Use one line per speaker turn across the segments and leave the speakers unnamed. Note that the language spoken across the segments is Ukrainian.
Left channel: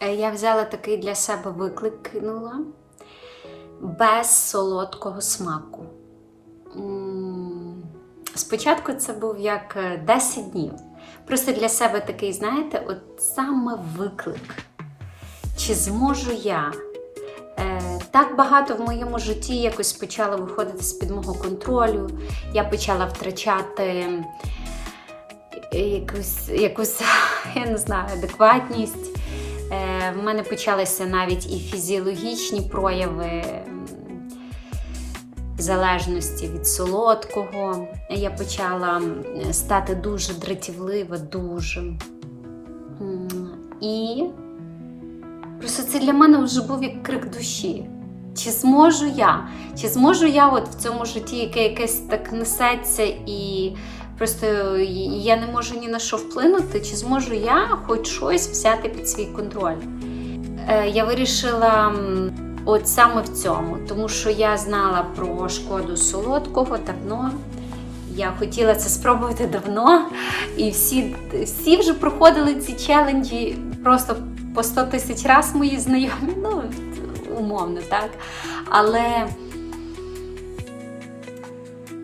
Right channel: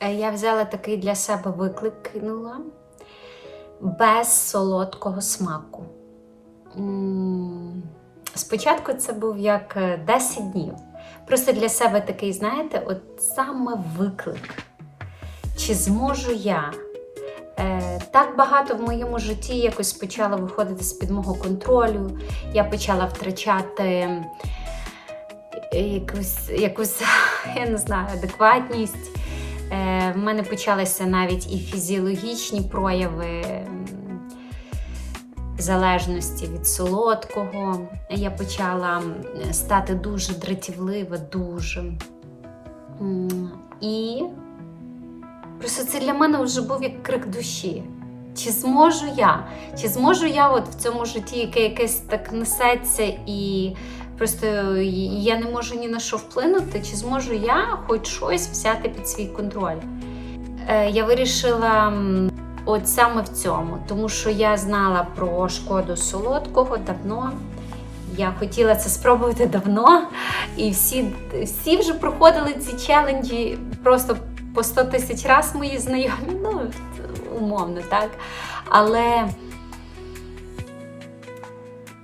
Е, Я взяла такий для себе виклик, кинула без солодкого смаку. Спочатку це був як е, 10 днів. Просто для себе такий, знаєте, от саме виклик. Чи зможу я? Е, так багато в моєму житті якось почало виходити з-під мого контролю. Я почала втрачати е, якусь, якусь я не знаю, адекватність. Е, в мене почалися навіть і фізіологічні прояви залежності від солодкого. Я почала стати дуже дратівлива, дуже. І просто це для мене вже був як крик душі. Чи зможу я? Чи зможу я от в цьому житті, яке якесь так несеться, і просто я не можу ні на що вплинути, чи зможу я хоч щось взяти під свій контроль? Е, я вирішила от саме в цьому, тому що я знала про шкоду солодкого давно. Я хотіла це спробувати давно, і всі, всі вже проходили ці челенджі просто по 100 тисяч разів мої знайомі, ну умовно, так. Але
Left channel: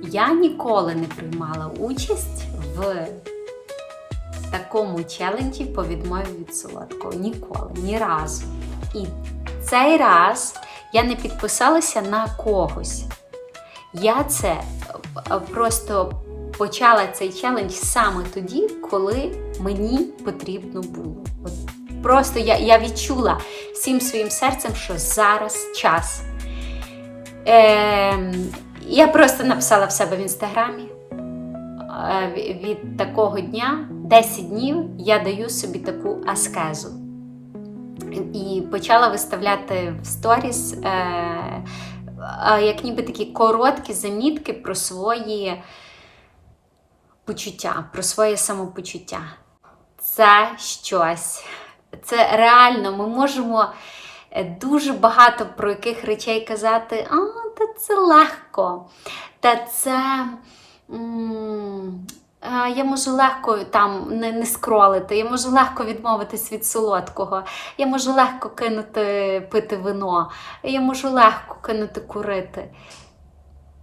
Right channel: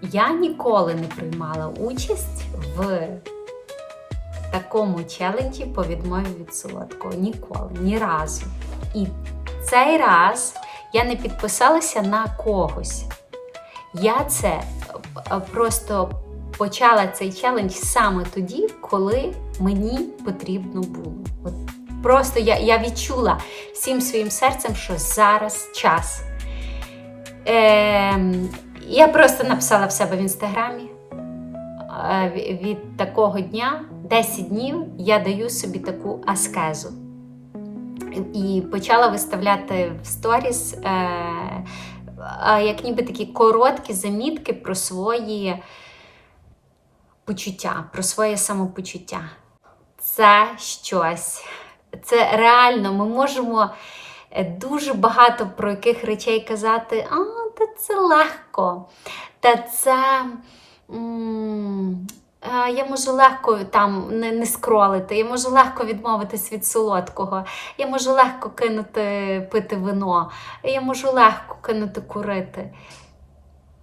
я ніколи не приймала участь в такому челенджі по відмові від солодкого. Ніколи, ні разу. І цей раз я не підписалася на когось. Я це е, просто почала цей челендж саме тоді, коли мені потрібно було. От просто я, я відчула всім своїм серцем, що зараз час. Е, я просто написала в себе в інстаграмі. е, Від такого дня 10 днів я даю собі таку аскезу. І почала виставляти в сторіс е, як ніби такі короткі замітки про свої почуття, про своє самопочуття. Це щось. Це реально, ми можемо е, дуже багато про яких речей казати, а, та це легко. Та це. Я можу легко там не, не скролити, я можу легко відмовитись від солодкого, я можу легко кинути пити вино, я можу легко кинути курити.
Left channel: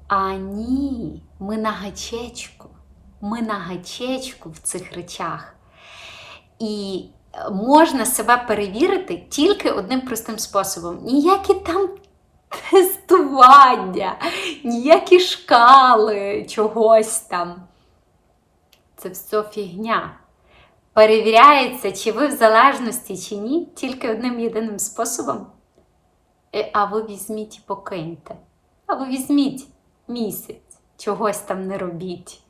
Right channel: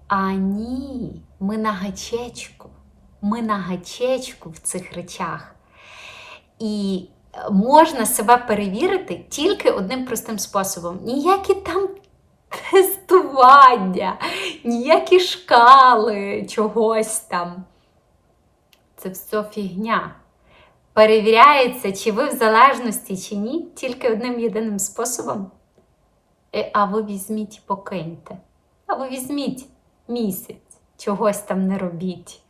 А ні, ми на гачечку. Ми на гачечку в цих речах. І можна себе перевірити тільки одним простим способом. Ніякі там тестування, ніякі шкали чогось там. Це все фігня. Перевіряється, чи ви в залежності, чи ні, тільки одним єдиним способом. Е, А ви візьміть і покиньте. А ви візьміть місяць, чогось там не робіть,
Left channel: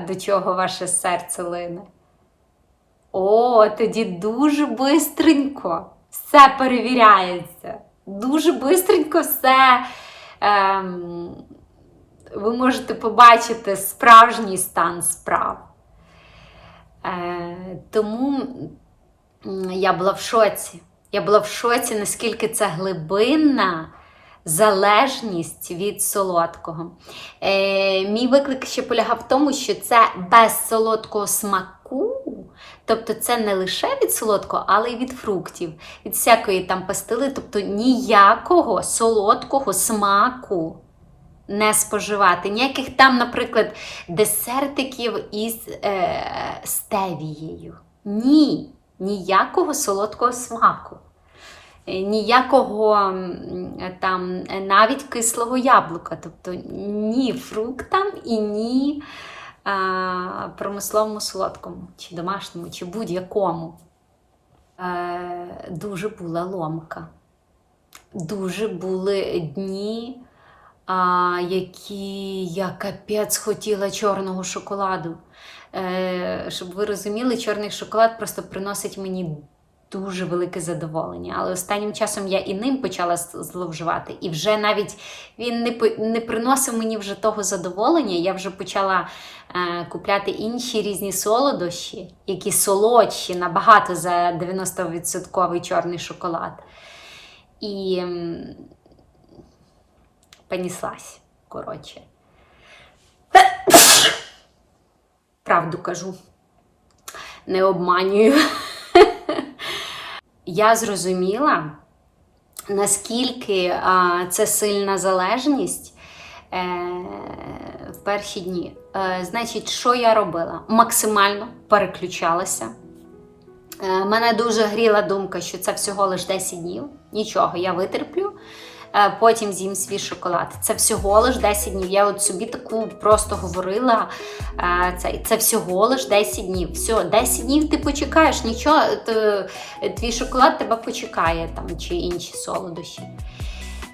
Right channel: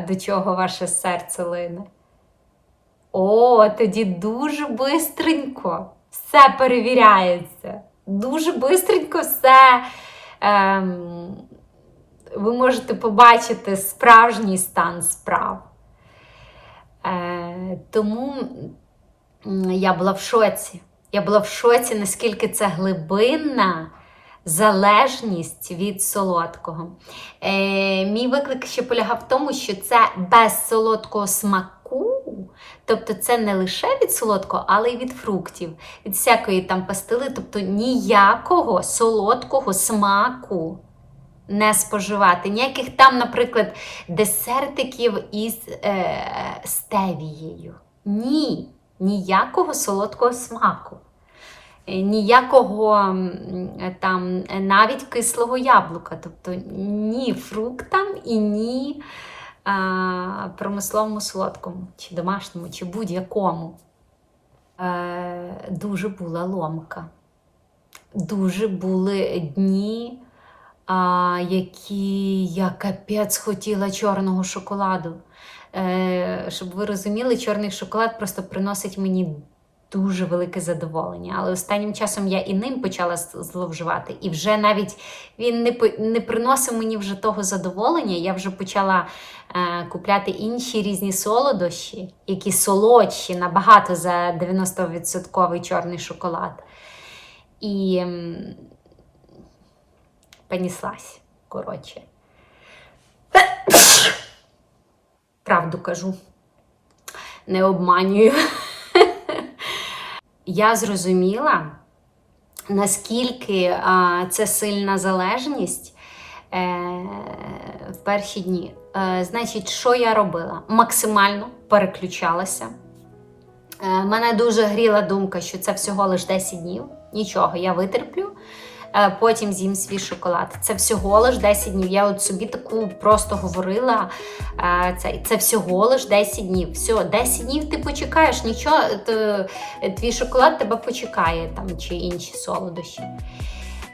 до чого ваше серце лине. О, тоді дуже бистренько все перевіряється. Дуже бистренько все. Ем, ви можете побачити справжній стан справ. Е, тому я була в шоці. Я була в шоці, наскільки це глибинна залежність від солодкого. Е, мій виклик ще полягав в тому, що це без солодкого смаку, тобто це не лише від солодкого, але й від фруктів, від всякої там пастили, тобто ніякого солодкого смаку не споживати. Ніяких там, наприклад, десертиків із е, стевією. Ні, ніякого солодкого смаку. Е, Ніякого там е, навіть кислого яблука, тобто ні фруктам і ні промисловому солодкому, чи домашньому, чи будь-якому. Е, дуже була ломка. Дуже були дні, які я капець хотіла чорного шоколаду. Е, щоб ви розуміли, чорний шоколад просто приносить мені дуже велике задоволення. Але останнім часом я і ним почала зловживати. І вже навіть він не, не приносив мені вже того задоволення. Я вже почала е, купляти інші різні солодощі, які солодші набагато за 90% чорний шоколад. І м, понеслась, коротше. Правду кажу. Не обманюю. Я зрозуміла, наскільки а, це сильна залежність е, в перші дні. Е, значить, що я робила? Максимально переключалася. Е, мене дуже гріла думка, що це всього лише 10 днів. Нічого, я витерплю. Е, Потім з'їм свій шоколад. Це всього лиш 10 днів. Я от собі таку просто говорила. е, Це, це всього лиш 10 днів. Все, 10 днів ти почекаєш, нічого, твій шоколад тебе почекає там, чи інші солодощі.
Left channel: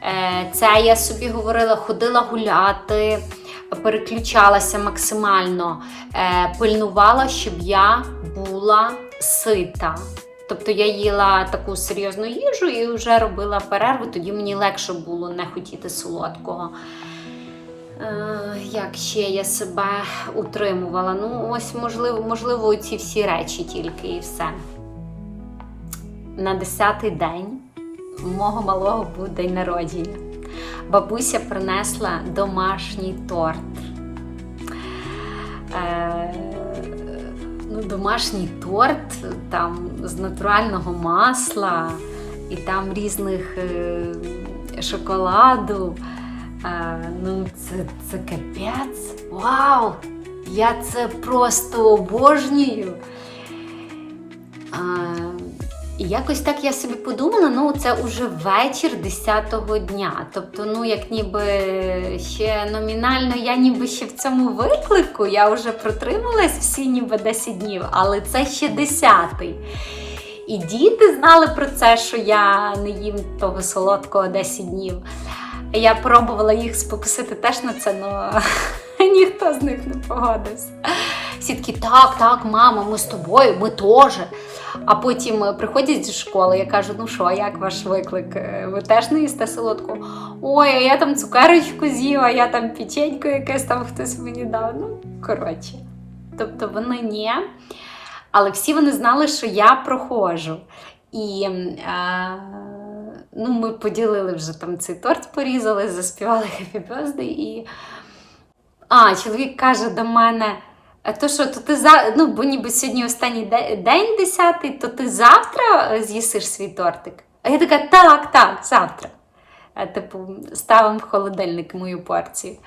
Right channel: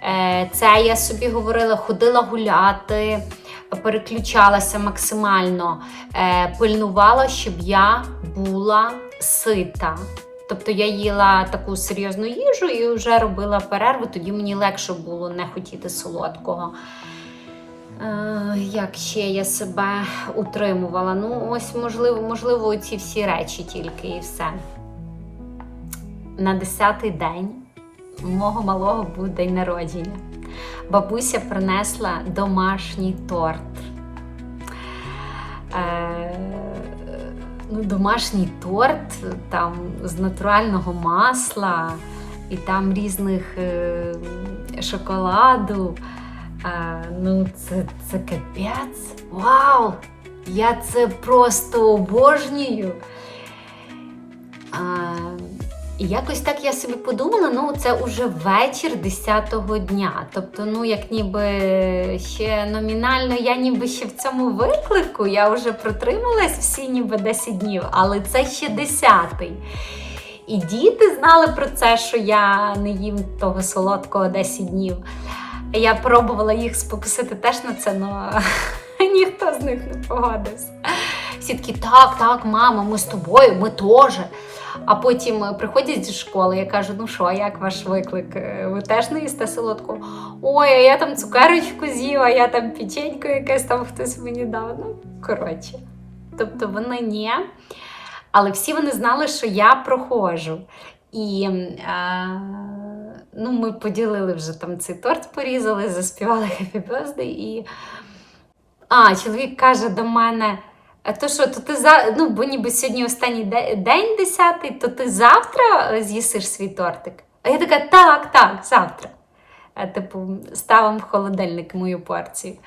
Е, Це я собі говорила, ходила гуляти, переключалася максимально, пильнувала, щоб я була сита. Тобто я їла таку серйозну їжу і вже робила перерву, тоді мені легше було не хотіти солодкого. Е, як ще я себе утримувала? Ну, ось, можливо, можливо, ці всі речі тільки і все. На 10-й день мого малого був день народження. Бабуся принесла домашній торт. Е, домашній торт там з натурального масла і там різних е, шоколаду. Е, ну, це, це капець. Вау! Я це просто обожнюю. А, і якось так я собі подумала, ну це уже вечір 10-го дня. Тобто, ну, як ніби ще номінально, я ніби ще в цьому виклику, я вже протрималась всі ніби 10 днів, але це ще 10-й. І діти знали про це, що я не їм того солодкого 10 днів. Я пробувала їх спокусити теж на це, але ніхто з них не погодився. Всі такі, так, так, мама, ми з тобою, ми теж. А потім е, приходять зі школи, я кажу, ну що, як ваш виклик? Е, Ви теж не їсте солодку? Ой, а я там цукерочку з'їла, я там печеньку якесь там хтось мені дав. Ну, коротше. Тобто вони ні. Але всі вони знали, що я проходжу. І а, ну, ми поділили вже там цей торт, порізали, заспівали Happy Birthday і. А, чоловік каже до мене. А то що, то ти за... ну, бо ніби сьогодні останній де- день десятий, то ти завтра е, з'їсиш свій тортик? А я така, так, так, завтра. Типу, ставимо в холодильник мою порцію.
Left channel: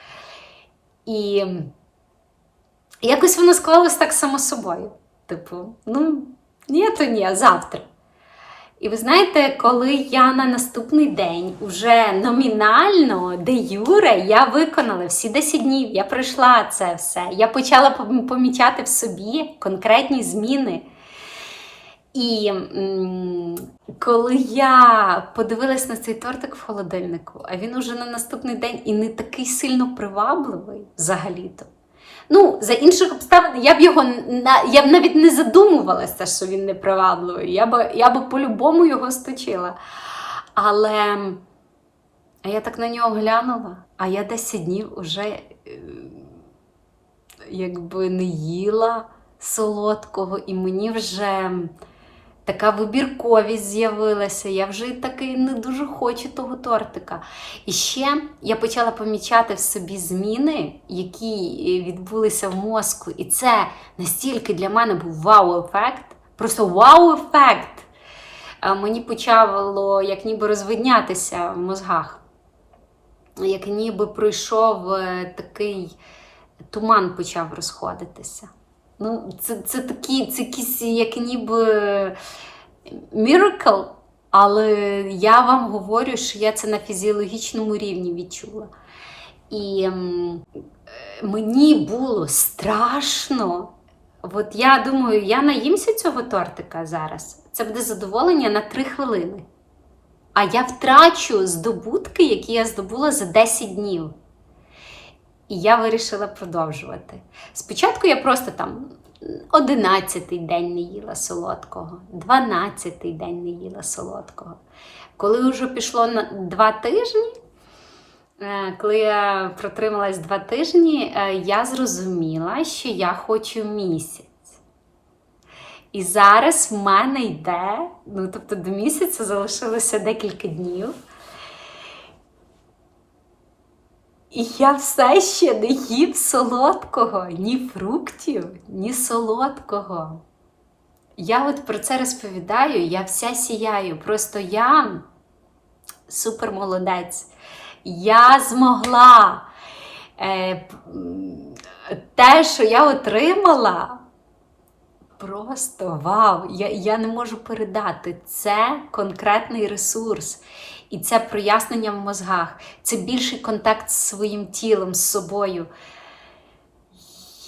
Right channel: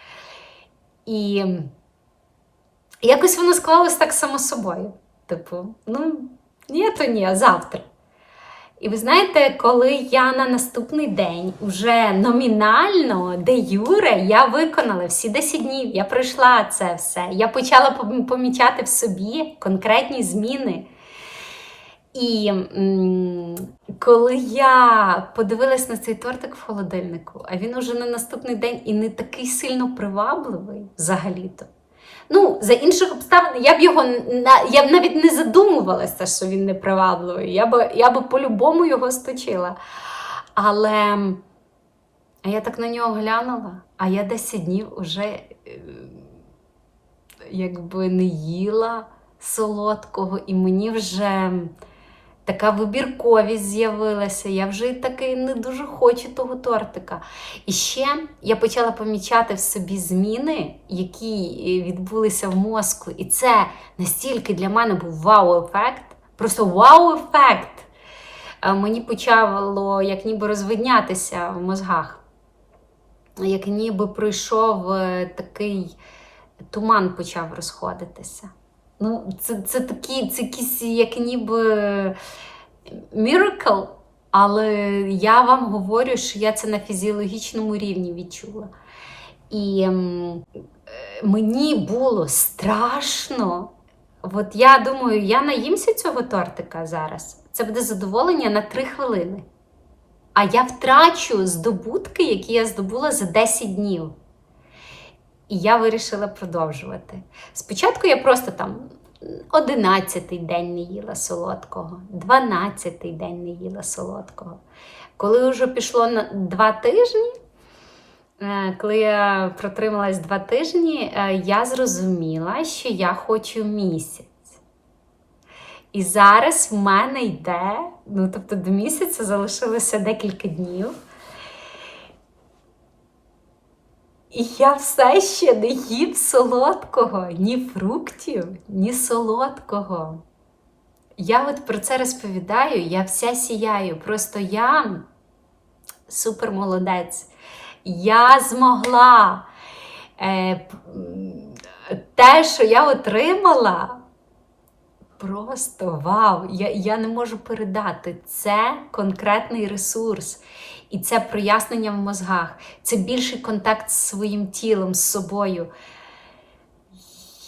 І якось воно склалось так само собою. Типу, ну, ні, то ні, завтра. І ви знаєте, коли я на наступний день уже номінально, де Юре, я виконала всі 10 днів, я пройшла це все. Я почала помічати в собі конкретні зміни. І коли я подивилась на цей тортик в холодильнику, а він уже на наступний день і не такий сильно привабливий взагалі-то. Ну, за інших обставин я б його я б навіть не задумувалася, що він непривабливий. Я б, я б по-любому його сточила. Але я так на нього глянула, а я 10 днів вже е, якби не їла солодкого, і мені вже така вибірковість з'явилася. Я вже таки не дуже хочу того тортика. І ще я почала помічати в собі зміни, які е, відбулися в мозку. І це настільки для мене був вау-ефект. Просто вау-ефект. Е, Мені почало як ніби розвиднятися в мозгах. Як ніби пройшов е, такий туман почав розходитися. Ну, це, це такі, це якісь як ніби міракл, але я вам говорю, що я це на фізіологічному рівні відчула. І е, мені було страшно. От я думаю, я наїмся цього тортика зараз. Це буде задоволення на 3 хвилини. А я втрачу здобутки, які я здобула за 10 днів. І я вирішила продовжувати. Спочатку я просто там 11-й день не їла солодкого, 12-й день не їла солодкого. Коли вже пішло на 2 тижні, е, коли я протрималась 2 тижні, е, я зрозуміла, що я хочу місяць. І зараз в мене йде, ну тобто до місяця залишилося декілька днів. І я все ще не їм солодкого, ні фруктів, ні солодкого. Я от про це розповідаю, я вся сіяю. Просто я супер молодець. Я змогла. Е, те, що я отримала, просто вау! Я, я не можу передати. Це конкретний ресурс. І це прояснення в мозгах, це більший контакт з своїм тілом, з собою.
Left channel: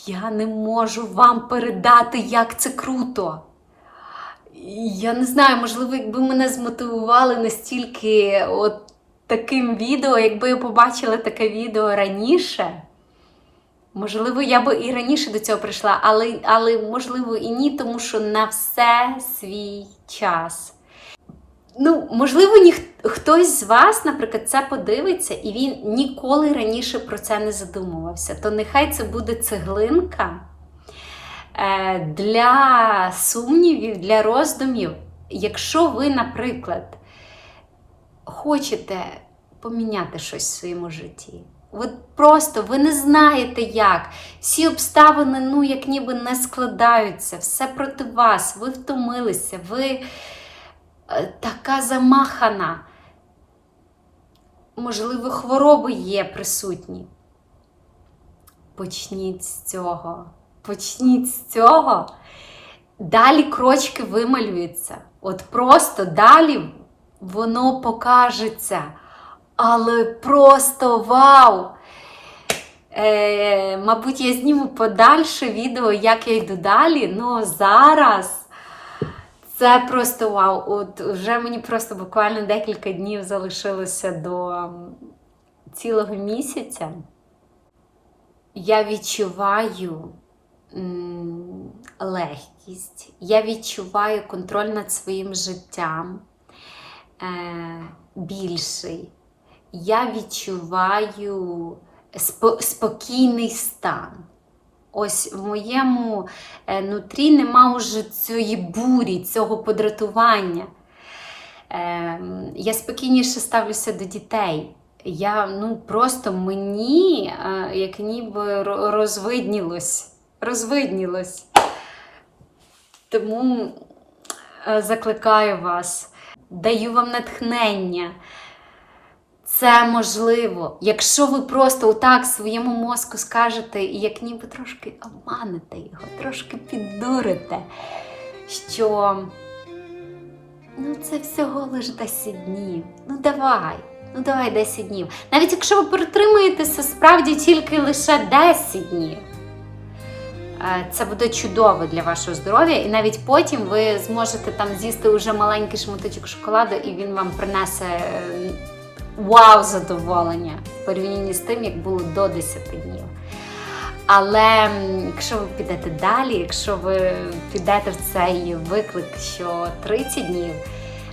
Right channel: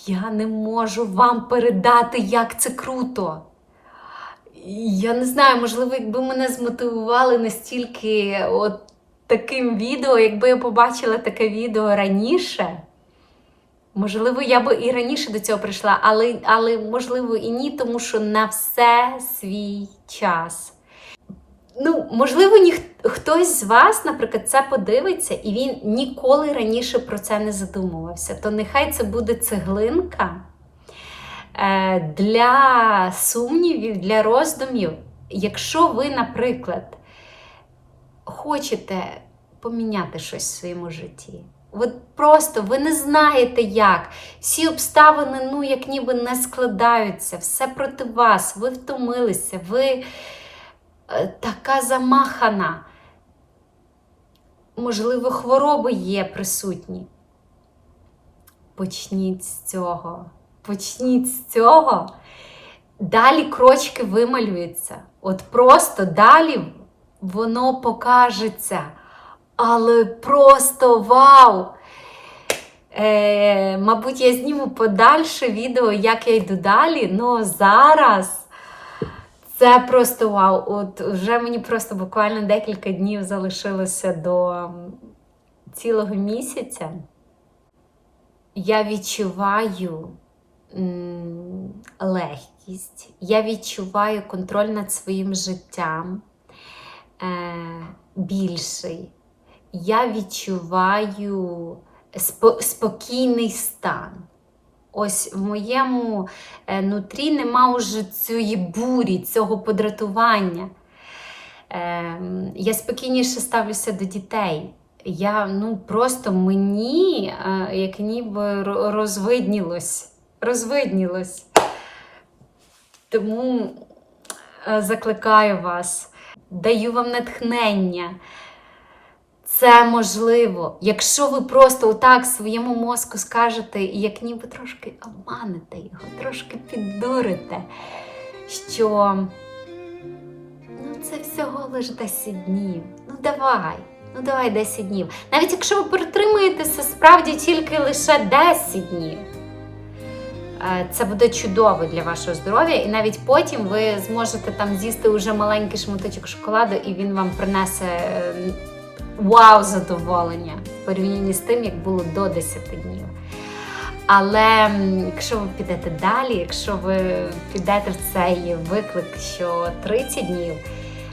Я не можу вам передати, як це круто. Я не знаю, можливо, якби мене змотивували настільки от таким відео, якби я побачила таке відео раніше. Можливо, я би і раніше до цього прийшла, але, але можливо і ні, тому що на все свій час. Ну, можливо, ніх... хтось з вас, наприклад, це подивиться, і він ніколи раніше про це не задумувався. То нехай це буде цеглинка е, для сумнівів, для роздумів. Якщо ви, наприклад, хочете поміняти щось в своєму житті, от просто ви не знаєте як. Всі обставини, ну, як ніби не складаються, все проти вас, ви втомилися, ви така замахана. Можливо, хвороби є присутні. Почніть з цього. Почніть з цього. Далі крочки вималюються. От просто далі воно покажеться. Але просто вау! Е, мабуть, я зніму подальше відео, як я йду далі. Ну зараз це просто вау. От вже мені просто буквально декілька днів залишилося до цілого місяця. Я відчуваю легкість, я відчуваю контроль над своїм життям е, більший. Я відчуваю спокійний стан. Ось в моєму е, нутрі нема уже цієї бурі, цього подратування. Е, я спокійніше ставлюся до дітей. Я ну просто мені е, як ніби розвиднілось. Розвиднілось. Тому е, закликаю вас, даю вам натхнення. Це можливо, якщо ви просто отак своєму мозку скажете, і як ніби трошки обманете його, трошки піддурите, що ну це всього лиш 10 днів. Ну давай, ну давай 10 днів. Навіть якщо ви протримаєтеся справді тільки лише 10 днів. е, Це буде чудово для вашого здоров'я, і навіть потім ви зможете там з'їсти уже маленький шматочок шоколаду, і він вам принесе е, вау задоволення в порівнянні з тим, як було до 10 днів. Але якщо ви підете далі, якщо ви підете в цей виклик, що 30 днів,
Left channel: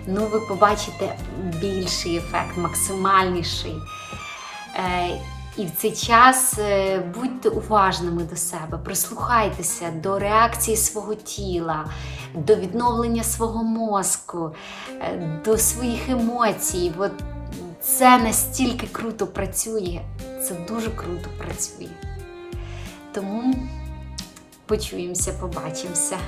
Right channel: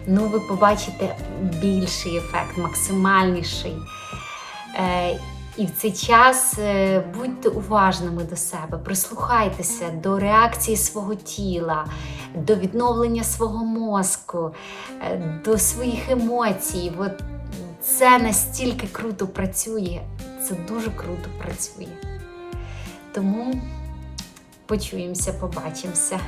ну ви побачите більший ефект, максимальніший. Е, і в цей час е, будьте уважними до себе, прислухайтеся до реакції свого тіла, до відновлення свого мозку, е, до своїх емоцій. От це настільки круто працює, це дуже круто працює. Тому почуємося, побачимося.